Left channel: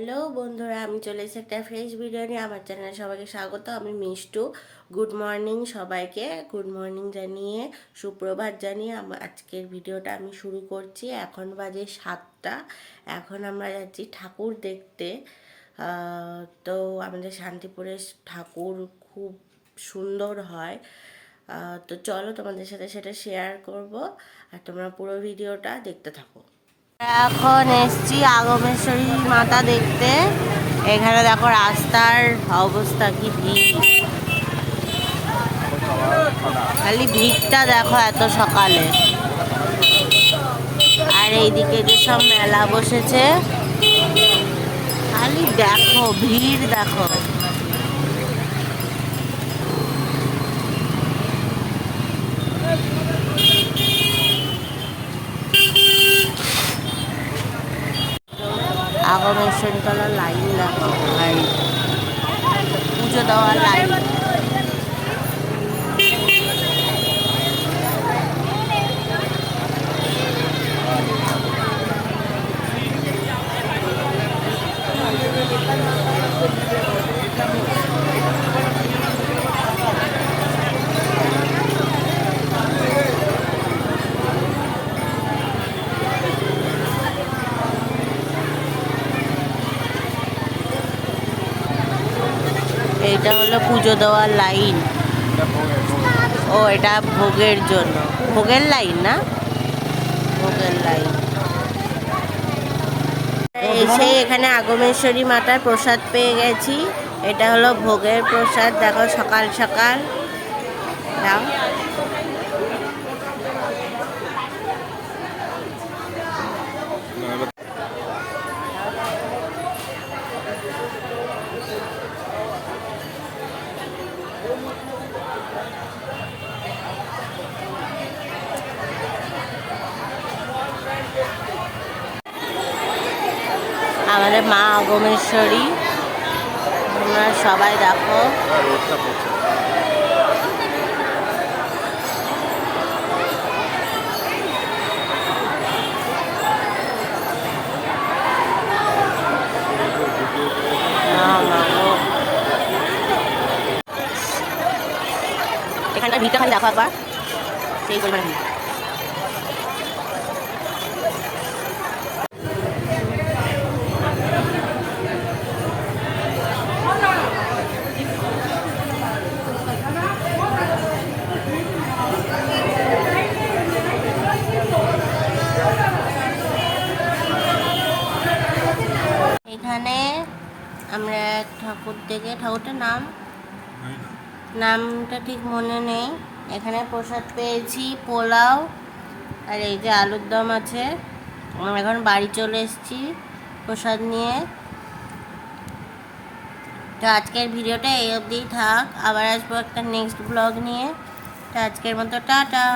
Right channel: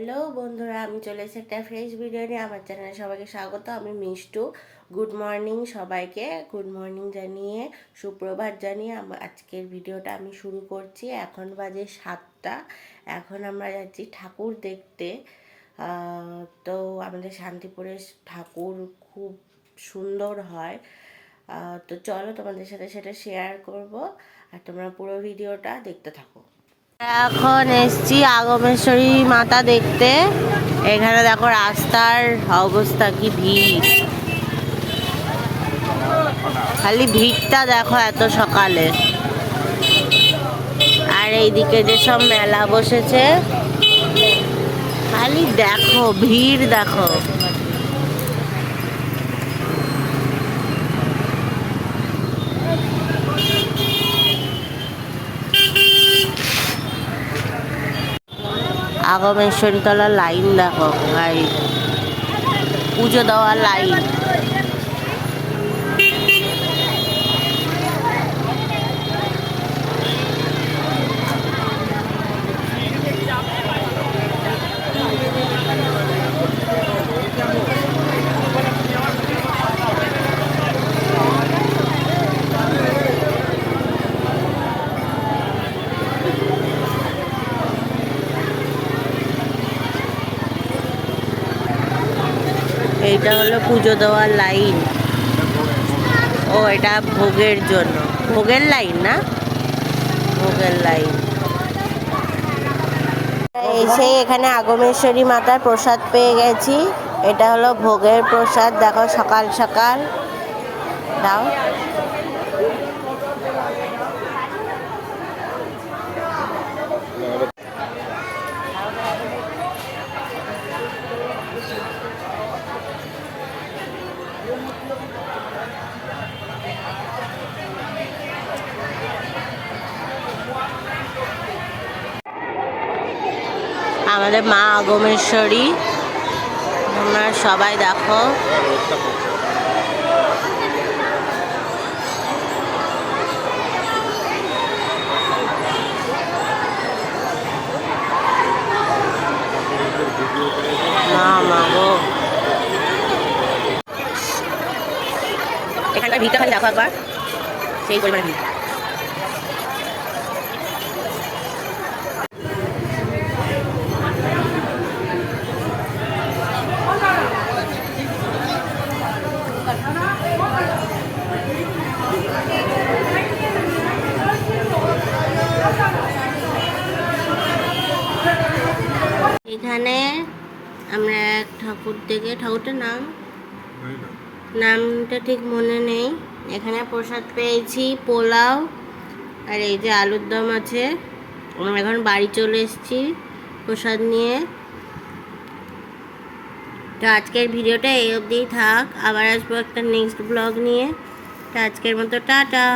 Hello বন্ধুরা, আমি চলে এসেছি একটা ফ্রেশ ভিডিও নিয়ে। আমার চ্যানেলে সবাইকে স্বাগত। আমি মিষ্টু। গুড মর্নিং সবাইকে। গুড মর্নিং জানিয়ে, সুপ্রভাত জানিয়ে আমার আজকের ভিডিওটা আমি শুরু করছি। এখন বাজে সাতটা। এখন আমরা যাচ্ছি ঠাকুর দেখতে। তো আমাদের শান্তিপুরে ঠাকুর খুব সুন্দর হয়। তো চলো তোমাদের সাথে সেটা শেয়ার করব। আর তোমরা পুরো ভিডিওটা দেখতে থাকো। এখন এসছি আগমেশ্বরী মাতা দেখতে। এখানে দেখো রাস্তার অবস্থা কি ভিড়। খালি ভিড়টা দেখো এত সকালে। আর এইদিকে যে সব মেলা বসেছে, খালি দেখো, ভিড় দেখো। আগমেশ্বরী তলার লাইন দেখো ভাই পুজো দেওয়ার লাইন। এইটা হলো পুজো দেওয়ার লাইন। ও, এটা ভোগের জন্য। ভোগের লাইন না? ভোগের লাইন। এসে এখানে আগমেশ্বরী মাতার প্রসাদ পেয়ে গেছি। এটা হলো ভোগের প্রসাদ। দেখো, সকাল সকাল। দাও। আমাদের মা আগমেশ্বরী। তোমরা সবাই দেখো। এখানকার ভিড়টা খালি দেখো একবার। সেই পরিমাণে ভিড়। এখানে আমরা এক ঠাকুর থেকে ঠাকুরটার নাম? নামটা ঠিক মনে নেই। এখানে প্রসাদ পেয়েছি পোলাও আর এই যে আলুর দম আছে। আমরা এখন বাড়ি চলে এসেছি প্রসাদ নিয়ে। তো আজকের ভিডিওটা এই অবধিই থাক। আবার আসব একটা নেক্সট ব্লগ নিয়ে। তো আজকের মতো টাটা।